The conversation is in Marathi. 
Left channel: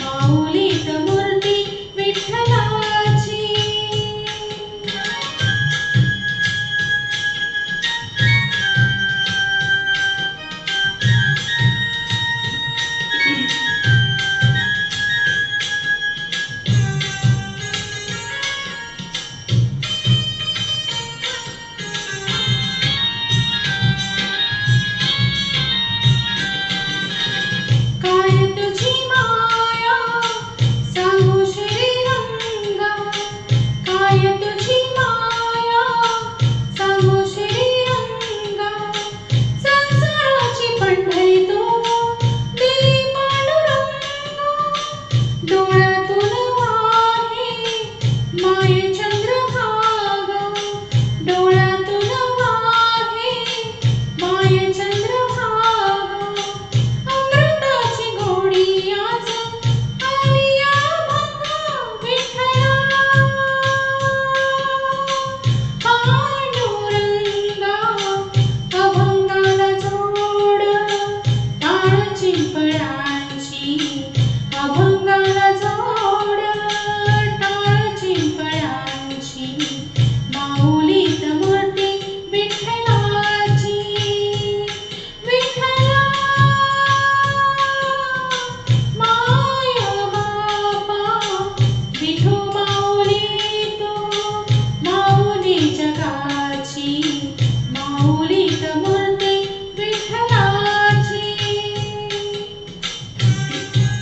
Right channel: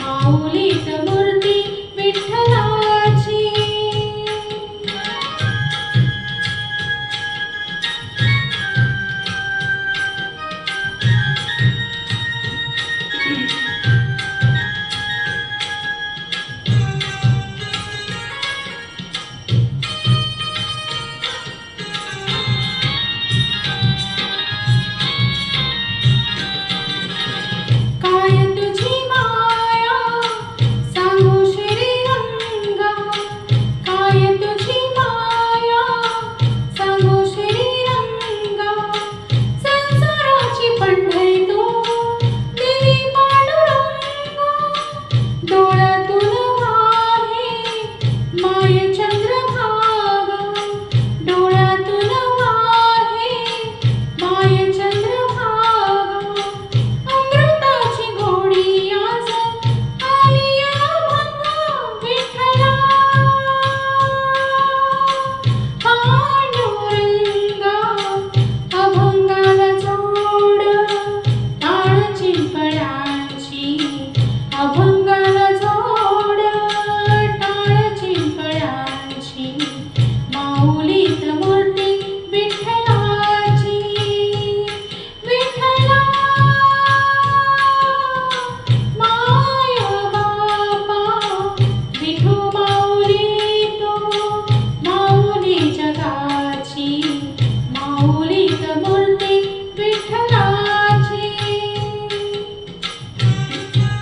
माऊलीत मूर्ती विठ्ठलाची. काय तुझी माया सांगू श्रीरंगा, काय तुझी माया सांगू श्रीरंगा. संसाराची पंढरी तू दिली पांडुरंगा. डोळ्यातून वाहे माये चंद्रभागा, डोळ्यातून वाहे माये चंद्रभागा. अमृताची गोडी आज आली अभंगा विठ्ठला. पांडुरंगा अभंगाला जोड टाळ चिंपळ्यांची, अभंगाला जोड टाळ चिंपळ्यांची. माऊलीत मूर्ती विठ्ठलाची. विठ्ठला माया बापा विठू माऊली तू, माऊली जगाची.